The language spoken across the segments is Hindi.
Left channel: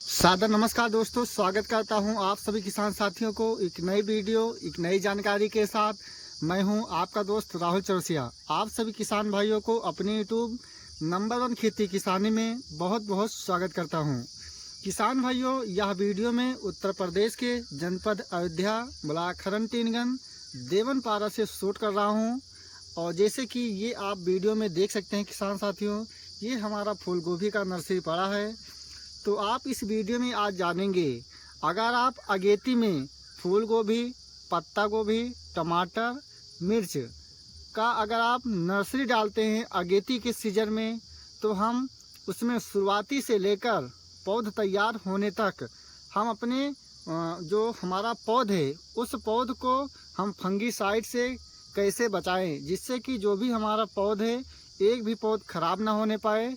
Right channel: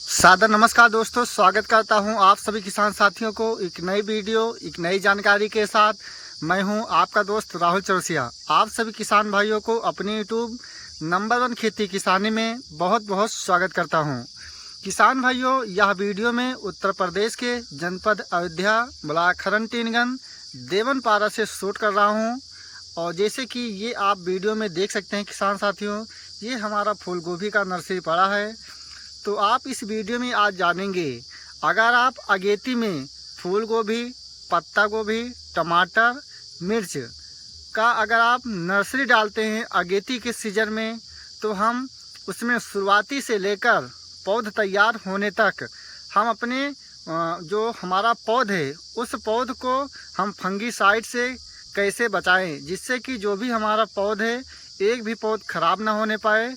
सादर नमस्कार दोस्तों, स्वागत करता हूं आप सभी किसान साथियों को एक नई वीडियो एक नई जानकारी के साथ। मैं हूं आपका दोस्त राहुल चौरसिया। आप सभी किसान भाइयों को अपने यूट्यूब नंबर 1 खेती किसानी में बहुत बहुत स्वागत करता हूं। किसान भाइयों, यह वीडियो में उत्तर प्रदेश के जनपद अयोध्या, ब्लॉक खरन-टीनगन, देवनपारा से शूट कर रहा हूँ। और जैसे कि ये आप वीडियो में देख सकते हैं किसान साथियों, ये हमारा फूल गोभी का नर्सरी पड़ा है। तो आप इस वीडियो में आज जानेंगे, अगर आप अगेती में फूल गोभी, पत्ता गोभी, टमाटर, मिर्च का अगर आप नर्सरी डालते हैं अगेती के सीजन में, तो हम उसमें शुरुआती से लेकर पौध तैयार होने तक हम अपने जो हमारा पौध है उस पौध को हम फंगीसाइड से कैसे बचाएं, जिससे कि जो भी हमारा पौध है एक भी पौध खराब ना होने पाए।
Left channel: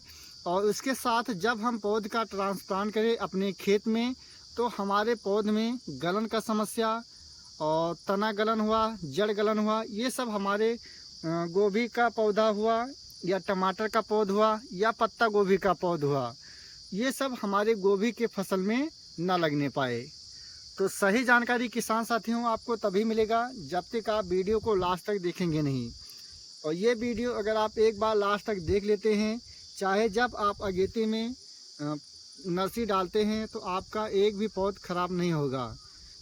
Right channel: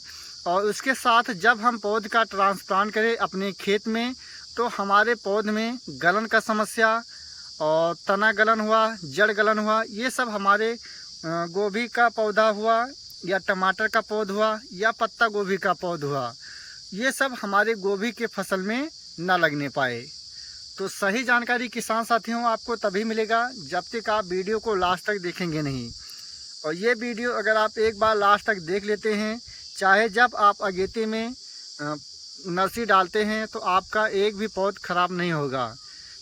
और उसके साथ जब हम पौध का ट्रांसप्लांट करें अपने खेत में, तो हमारे पौध में गलन का समस्या और तना गलन हुआ, जड़ गलन हुआ, ये सब हमारे गोभी का पौधा हुआ या टमाटर का पौधा हुआ या पत्ता गोभी का पौधा हुआ, ये सब हमारे गोभी के फसल में ना लगने पाए। तो सही जानकारी किसान साथियों आपको तभी मिलेगा जब तक आप वीडियो को लास्ट तक देखेंगे नहीं। और ये वीडियो अगर आप एक बार लास्ट तक देख लेते हैं, चाहे जब आप अगेती में नर्सरी डालते हैं, तो आपका एक भी पौध खराब नहीं होगा।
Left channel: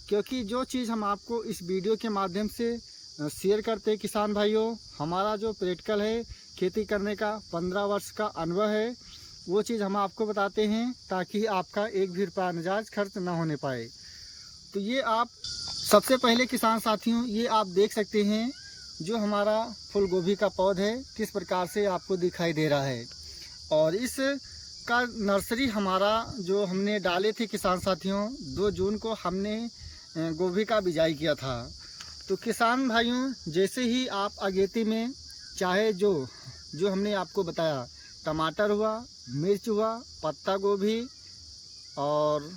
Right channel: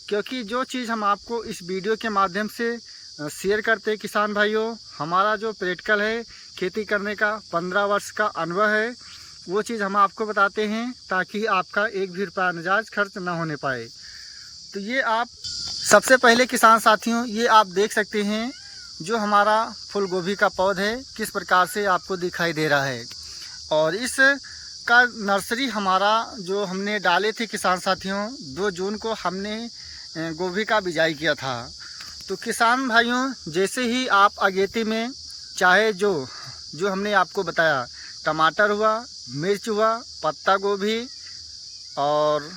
क्योंकि जो चीज़ हम आपको इस वीडियो के माध्यम से शेयर करते हैं किसान भाइयों, हमारा जो प्रैक्टिकल है खेती करने का 15 वर्ष का अनुभव है, वो चीज़ हम आपको बताते हैं ताकि आपका एक भी रुपया नाजायज खर्च ना होने पाए। तो ये आप सबसे पहले किसान साथियों, ये आप देख सकते हैं जो हमारा फूल गोभी का पौधा है किस प्रकार से आपको दिखाई दे रहा है। और इस का नर्सरी हमारा जो हमने डाले थे किसान साथियों, 2 जून को हमने गोभी का बिजाई किया था। तो किसान भाइयों, जैसे ही आप अगेती में चाहे जो हमने आपको बताया, टमाटर हुआ, मिर्च हुआ, पत्ता गोभी, और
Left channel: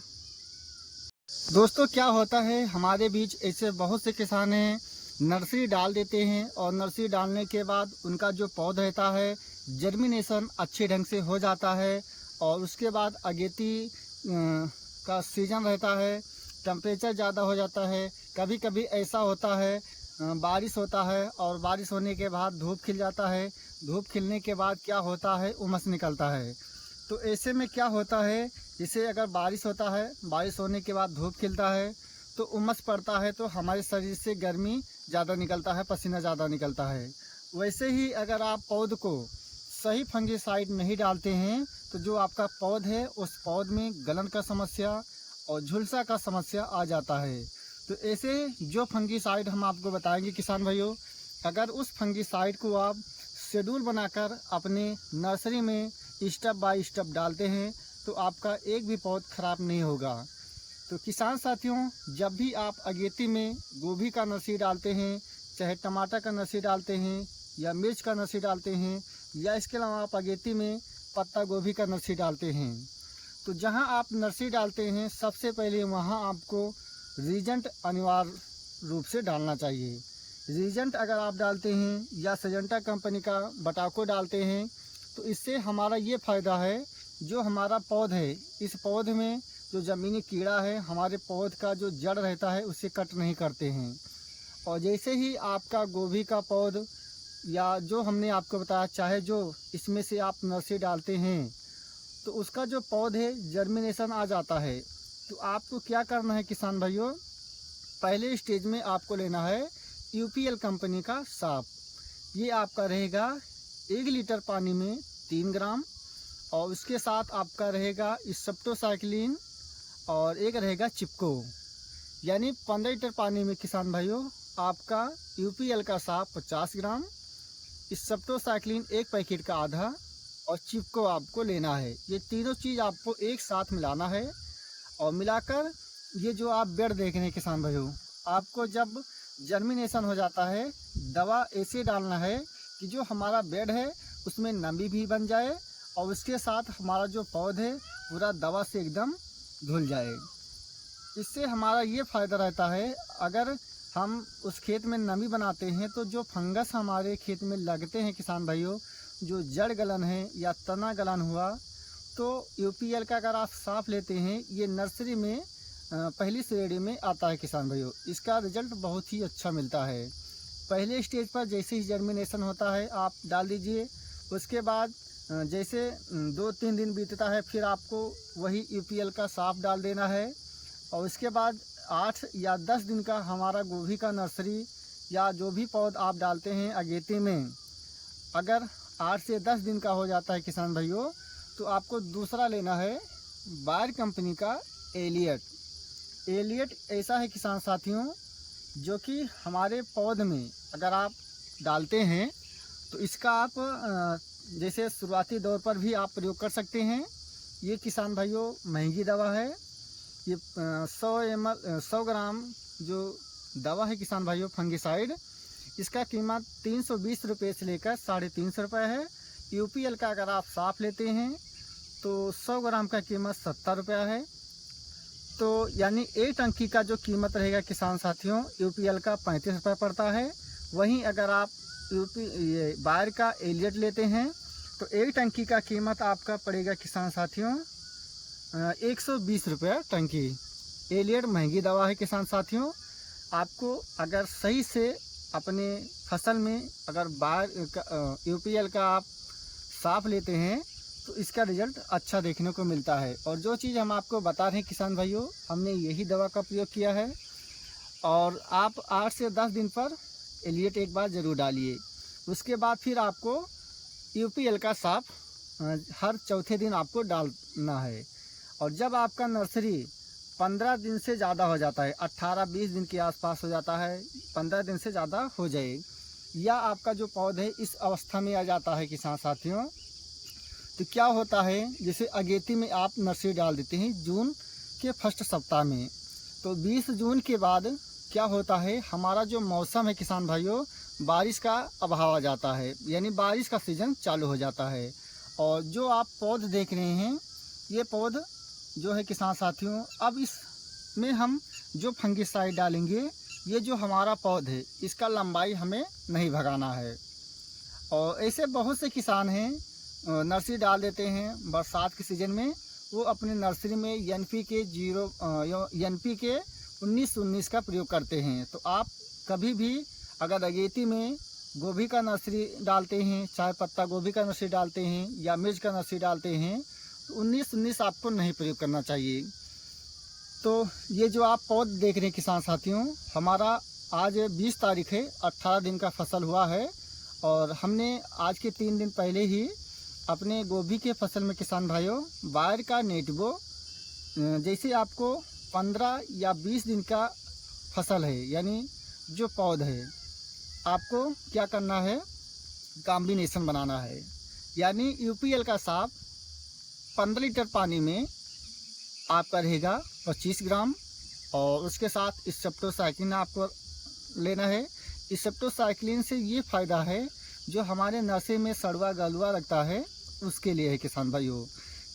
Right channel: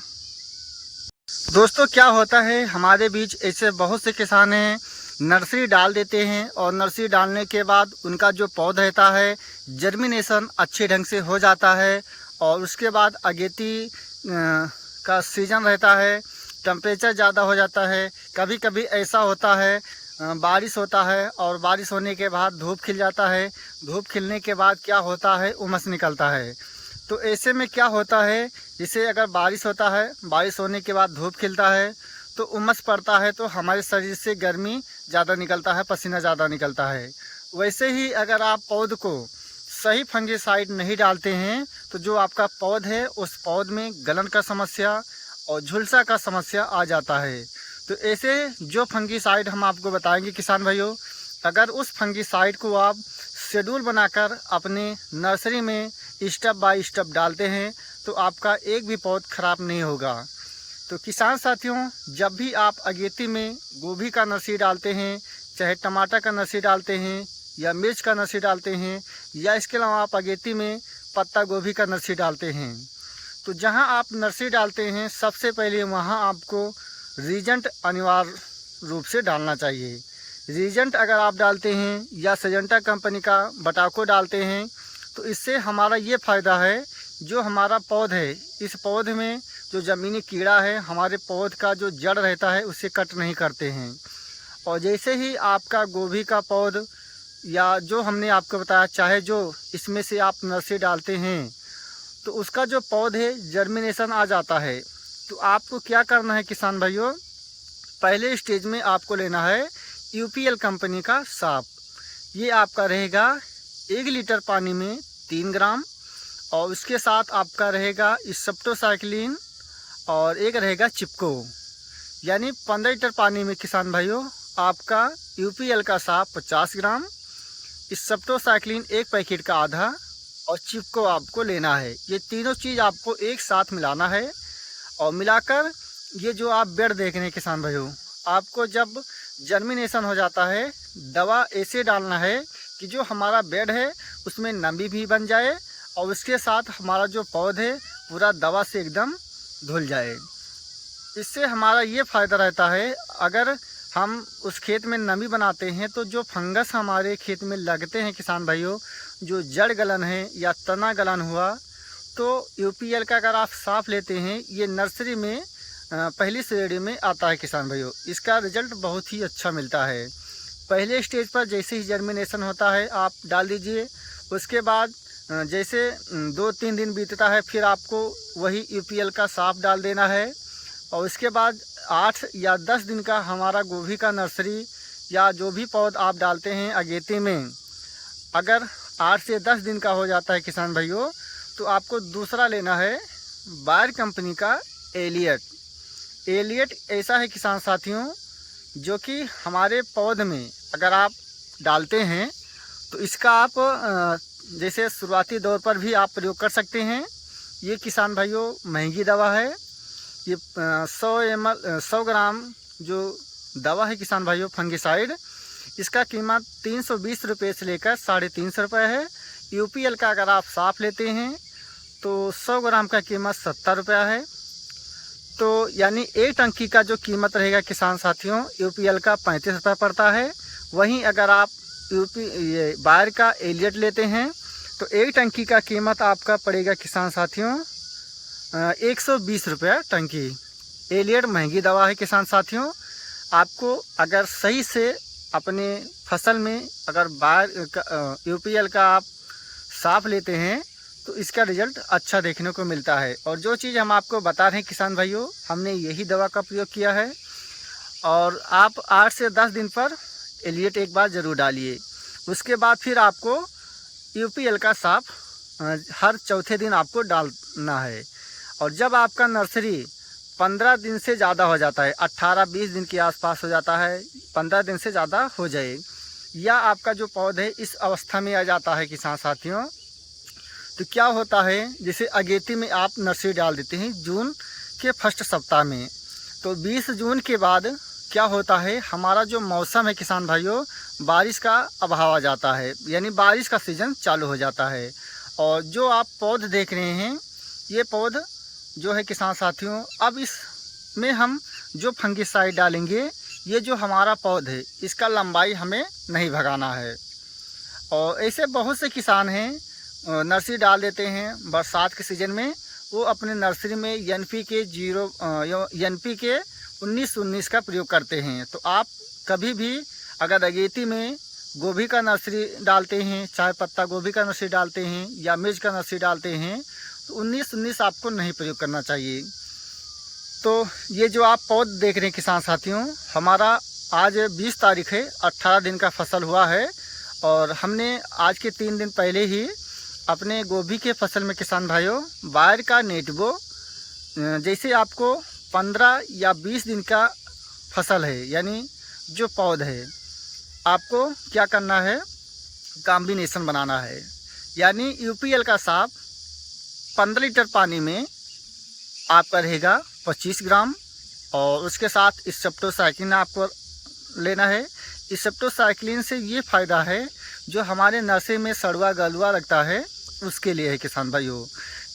दोस्तों क्या होता है हमारे बीच ऐसे बहुत से किसान हैं नर्सरी डाल देते हैं और नर्सरी डालने के बाद उनका जो पौधा रहता है जर्मिनेशन अच्छे ढंग से हो जाता है। और उसके बाद अगेती का सीज़न रहता है, टेम्परेचर ज़्यादा हो जाता है, कभी कभी ऐसा होता है बारिश होता है और बारिश होने के बाद धूप खिल जाता है, धूप खिलने के बाद क्या होता है उमस निकलता है। तो ऐसे में क्या होता है, जैसे अगर बारिश होता है, बारिश होने के बाद धूप खिलता है तो उमस पड़ता है, तो हमारे शरीर से गर्मी ज़्यादा निकलता है, पसीना ज़्यादा निकलता है। वैसे ही अगर आप पौध को सही फंगीसाइड नहीं डालते हैं, तो जो आपका पौध है उस पौध में गलन का समस्या और झुलसा का समस्या आ जाता है। तो ऐसे जो फंगीसाइड हम आपको बताएंगे किसान भाइयों, अगर उस फंगीसाइड को आप शेड्यूल बनाकर अपने नर्सरी में स्टेप बाय स्टेप डालते हैं, तो आपका एक भी पौध खराब नहीं होगा। तो किसान साथियों, जब भी आप अगेती में गोभी का नर्सरी डालते हैं, चाहे टमाटर का नर्सरी डालते हैं या मिर्च का नर्सरी डालते हैं, या इसके अलावा आप अगेती में पत्ता गोभी का नर्सरी डालते हैं, तो जहां आप नर्सरी डालते हैं सबसे पहले वहां आपको रीजेंट अनिवार्य रूप से डालना चाहिए। रीजेंट अगर आप डालते हैं या सिजेंटा कंपनी का बटाको डालते हैं, तो इससे हमारा ये फ़ायदा है, जो हमारा पौध है इस पौध में जो ज़मीनी कीड़ा है हमारे पौध का जो जड़ रहता है उसे कट नहीं करते हैं। और जैसे ही आपका गोभी का पौध या जो हमने आपको बताया, चाहे जो इसमें से आप नर्सरी डालते हैं, तो उसका जो पौध है जर्मिनेशन आ जाता है, तो आपको क्या करना है किसान भाइयों, पहले स्टेज में आपको लेना है यूपीएल कंपनी का साफ। ये आपका रहेगा 1 लीटर पानी में 3 ग्राम, और उसके साथ आपका रहेगा स्प्टोसाइक्लिन और एक रहेगा चिपको, यानी 15 लीटर पानी में किसान भाइयों आपका यूपीएल का साफ 50 ग्राम, स्प्टोसाइक्लिन 1 पैकेट का आधा, और चिपको आपको लेना है। ये तीनों चीज़ आपको एक साथ मिलाना है। और मिलाकर ये जो आप बेड देख रहे हैं किसान भाइयों, आपको जब जर्मिनेशन हो जाता है, दवा ऐसे डालना है कि जो हमारा बेड है उसमें नमी भी बन जाए और उसके साथ हमारा जो पौध है पूरा दवा से एकदम धुल जाए। इससे हमारा ये फ़ायदा रहता है, अगर हम उस खेत में नमी बनाते हैं तो जो फंगस हमारे खेत में लगते हैं किसान भाइयों, जो जड़ गलन है या तना गलन हुआ, तो यूपीएल का अगर आप साफ लेते हैं, ये नर्सरी में पहली श्रेणी में आता है किसान भाइयों। इसका रिजल्ट बहुत ही अच्छा मिलता है। पहले स्टेज पर जैसे ही जर्मिनेशन होता है आप डाल दीजिए, उसके बाद जैसे 2-3 दिन बीतता है फिर आपको वही यूपीएल का साफ डाल देना है। और उसके बाद 8 या 10 दिन का हमारा गोभी का नर्सरी या जो भी पौध आप डालते हैं अगेती में, अगर 8 से 10 दिन का हो जाता है किसान भाइयों, तो आपको दूसरा लेना है बायर कंपनी का एलियट। एलियट ऐसा है किसान साथियों, जो कि हमारे पौध में अगर आप डालते हैं तो इसका आप जैसे शुरुआती दौर पर भी आप प्रयोग कर सकते हैं। ये किसान भाइयों महंगी दवा है। ये 100 ग्राम जो दवा है किसान भाइयों फंगिसाइड, इसका कीमत 320 रुपये से लेकर 350 रुपये है। यूपीएल का अगर आप साफ लेते हैं तो 100 ग्राम का कीमत 70 रुपया है। तो यानी एक टंकी का जो कीमत रहेगा किसान साथियों यूपीएल का 35 रुपये पड़ता है। वहीं अगर आप ये बायर का एलियट लेते हैं तो एक टंकी का कीमत आपका पड़ेगा किसान साथियों 120 रुपया टंकी। एलियट महंगी दवा है किसान साथियों। आपको अगर सही से अपने फसल में अगर बायर यूपीएल का आप साफ लेते हैं तो इसका रिजल्ट अच्छा देखने को मिलता है। और जो चीज़ हम आपको बता रहे हैं किसान भाइयों, हमने यही दवा का प्रयोग किया है। और आप 8 से 10 दिन पर एलियट एक बार ज़रूर डालिए। उसके बाद फिर आपको यूपीएल का साफ हर चौथे दिन आपको डालना है। और जब आपका नर्सरी 15 दिन से ज़्यादा हो जाता है, 18-20 दिन के आसपास हो जाता है, 15 दिन से ज़्यादा हो जाए, या आपका जो पौधा है इस अवस्था में आ जाता है किसान साथियों, तो क्या होता है, जैसे अगेती में आप नर्सरी डाल देते हैं जून के फर्स्ट सप्ताह में, तो 20 जून के बाद क्या होता है, हमारा जो मौसम है किसान भाइयों, बारिश का अभाव आ जाता है, यानी बारिश का सीज़न चालू हो जाता है। और जो आप पौध देख रहे हैं, ये पौध जो है किसान साथियों, अब इसमें हम जो फंगिसाइड डालेंगे, ये जो हमारा पौध है इसका लंबाई हमें नहीं भगाना है। और ऐसे बहुत से किसान हैं नर्सरी डाल देते हैं बरसात के सीज़न में, वो अपने नर्सरी में NPK 19-19 का प्रयोग करते हैं। तो आप कभी भी अगर अगेती में गोभी का नर्सरी डालते हैं, चाहे पत्ता गोभी का नर्सरी डालते हैं या मिर्च का नर्सरी डालते हैं, तो 19-19 आपको नहीं प्रयोग करना चाहिए। तो ये जो आप पौध देख रहे हैं किसान साथियों, हमारा आज 20 तारीख है, 18 दिन का फसल हुआ है। और हमने आज के 3 दिन पहले ही अपने गोभी के फसल में किसान भाइयों बायर का नेटबो, जैसे आपको 15 या 20 दिन का फसल है, यानी जो पौध है, आपको क्या करना है, कॉम्बिनेशन बनाना है। यानी यूपीएल का साफ 15 लीटर पानी में आपका रहेगा 25 ग्राम, और उसके साथ स्टेप्टोसाइक्लिन आपको लेना है। स्टेप्टोसाइक्लिन से ये फ़ायदा है, जो हमारे नर्सरी में सड़वा गलवा लगता है उसके लिए है किसान भाइयों।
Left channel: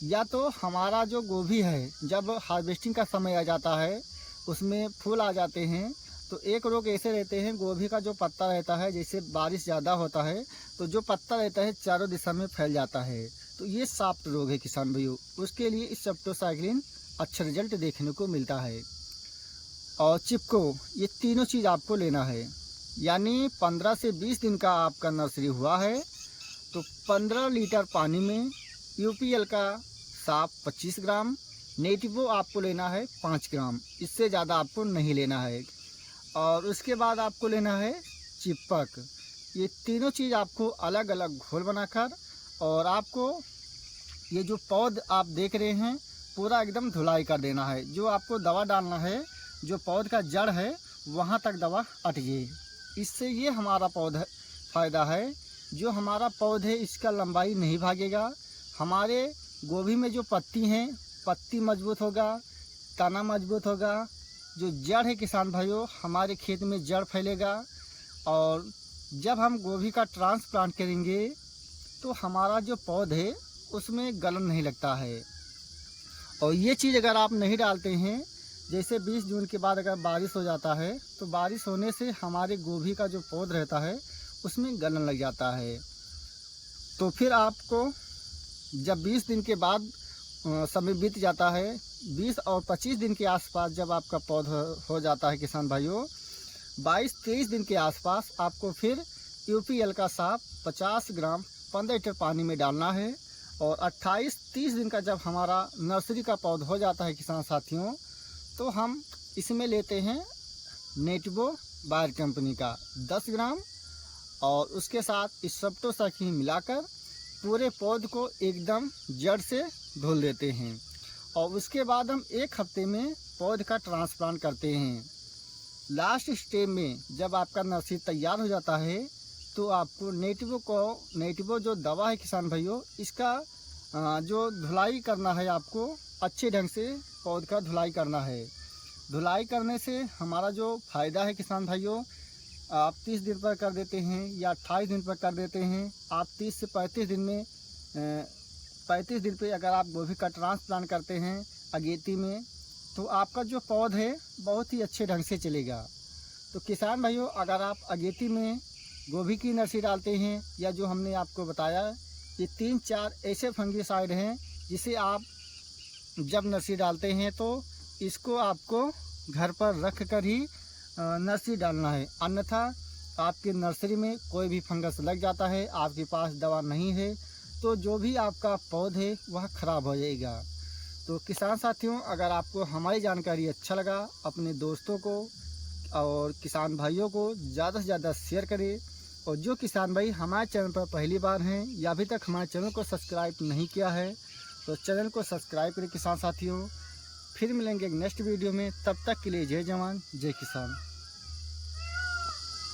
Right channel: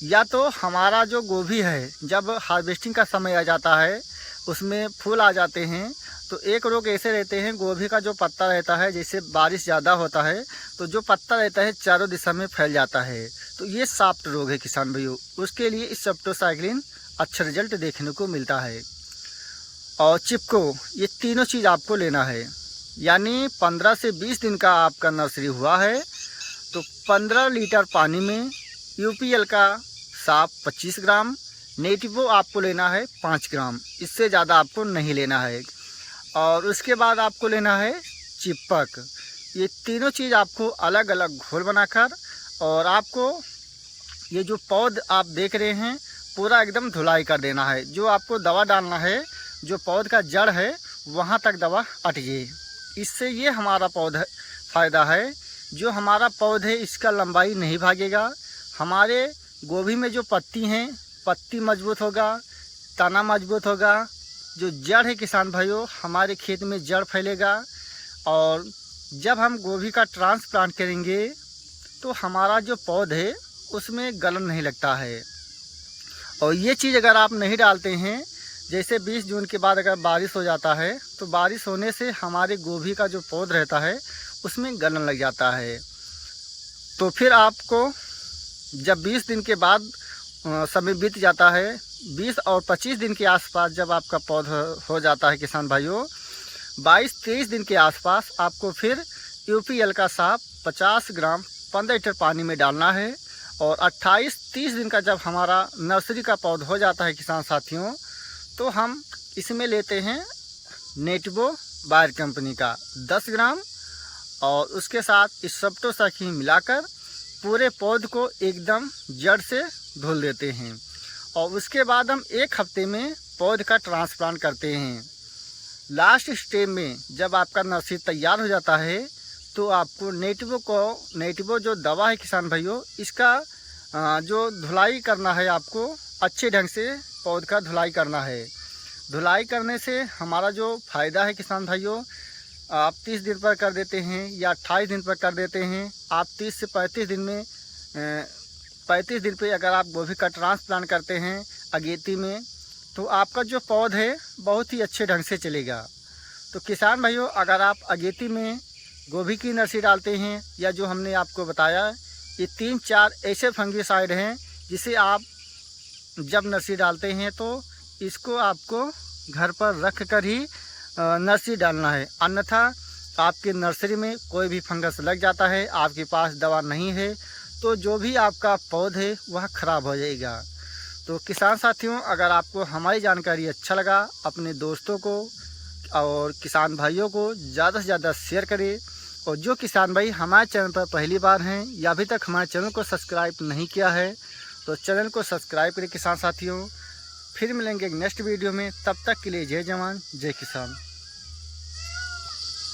या तो हमारा जो गोभी है, जब हार्वेस्टिंग का समय आ जाता है, उसमें फूल आ जाते हैं, तो एक रोग ऐसे रहते हैं, गोभी का जो पत्ता रहता है, जैसे बारिश ज़्यादा होता है तो जो पत्ता रहता है चारों दिशा में फैल जाता है, तो ये सॉफ्ट रोग है किसान भाइयों। उसके लिए स्टेप्टोसाइक्लिन अच्छा रिजल्ट देखने को मिलता है। और चिपको, ये तीनों चीज़ आपको लेना है। यानी 15 से 20 दिन का आपका नर्सरी हुआ है, तो 15 लीटर पानी में यूपीएल का साफ 25 ग्राम, नेटिवो आपको लेना है 5 ग्राम, इससे ज़्यादा आपको नहीं लेना है। और उसके बाद आपको लेना है चिपक। ये तीनों चीज़ आपको अलग अलग घोल बनाकर, और आपको ये जो पौध आप देख रहे हैं पूरा एकदम धुलाई कर देना है। जो आपको दवा डालना है, जो पौध का जड़ है वहाँ तक दवा अटके। इससे ये हमारा पौधा फ़ायदा है, जो हमारा पौधे इसका लंबाई नहीं भागेगा। हमारे गोभी में जो पत्ती हैं, पत्ती मजबूत होगा, तना मजबूत होगा। जो जड़ है किसान भाइयों, हमारे खेत में जड़ फैलेगा। और जब हम गोभी का ट्रांसप्लांट करेंगे तो हमारा जो पौध है उसमें गलन नहीं लगता है। और ये चीज़ अगर आप नहीं डालते हैं, जैसे 20 जून के बाद अगर बारिश हो जाता है, तो बारिश होने से हमारे गोभी का जो पौध रहता है उसमें गलन लग जाता है। तो फिर आपको जब 20 दिन के बाद समय बीत जाता है, 20 और 25 दिन के आसपास जब आपका पौधा हो जाता है किसान भाइयों, 22-23 दिन के आसपास आपको फिर यूपीएल का साफ 50 ग्राम 15 लीटर पानी में डालना है। और 28-30 दिन का जब हमारा नर्सरी का पौधा हो जाता है किसान साथियों, तो हम इसमें लेते हैं नेटिवो बायर कंपनी का 10 ग्राम और उसके साथ इस सप्टोसखी मिलाकर पूरे पौध को एकदम जड़ से धुल देते हैं। और उसके बाद हम 1 हफ्ते में पौध का ट्रांसप्लांट करते हैं। लास्ट स्टेज में जब आपका नर्सरी तैयार हो जाता है तो आपको नेटिवो जो दवा है किसान भाइयों, इसका जो धुलाई करना है, आपको अच्छे ढंग से पौध का धुलाई करना है। धुलाई करने से हमारा जो फ़ायदा है किसान भाइयों, आप 30 दिन पर कर देते हैं या 28 दिन पर कर देते हैं। आप 30 से 35 दिन में 35 दिन पे अगर आप गोभी का ट्रांसप्लांट करते हैं अगेती में, तो आपका जो पौध है बहुत ही अच्छे ढंग से चलेगा। तो किसान भाइयों, अगर आप अगेती में गोभी की नर्सरी डालते हैं या जो हमने आपको बताया, ये 3-4 ऐसे फंगिसाइड हैं जिसे आप जब नर्सरी डालते हैं तो इसको आपको घर पर रख कर ही नर्सरी डालना है, अन्यथा आपकी नर्सरी में कोई भी फंगस लग जाता है, आपके पास दवा नहीं है, तो जो भी आपका पौधा है वह ख़राब हो जाएगा। तो किसान साथियों, अगर आपको हमारी जानकारी अच्छा लगा, अपने दोस्तों को और किसान भाइयों को ज़्यादा से ज़्यादा शेयर करें। और जो किसान भाई हमारे चैनल पर पहली बार हैं या अभी तक हमारे चैनल को सब्सक्राइब नहीं किया है, तो चैनल को सब्सक्राइब करें किसान साथियों। फिर मिलेंगे एक नेक्स्ट वीडियो में, तब तक के लिए जय जवान जय किसान।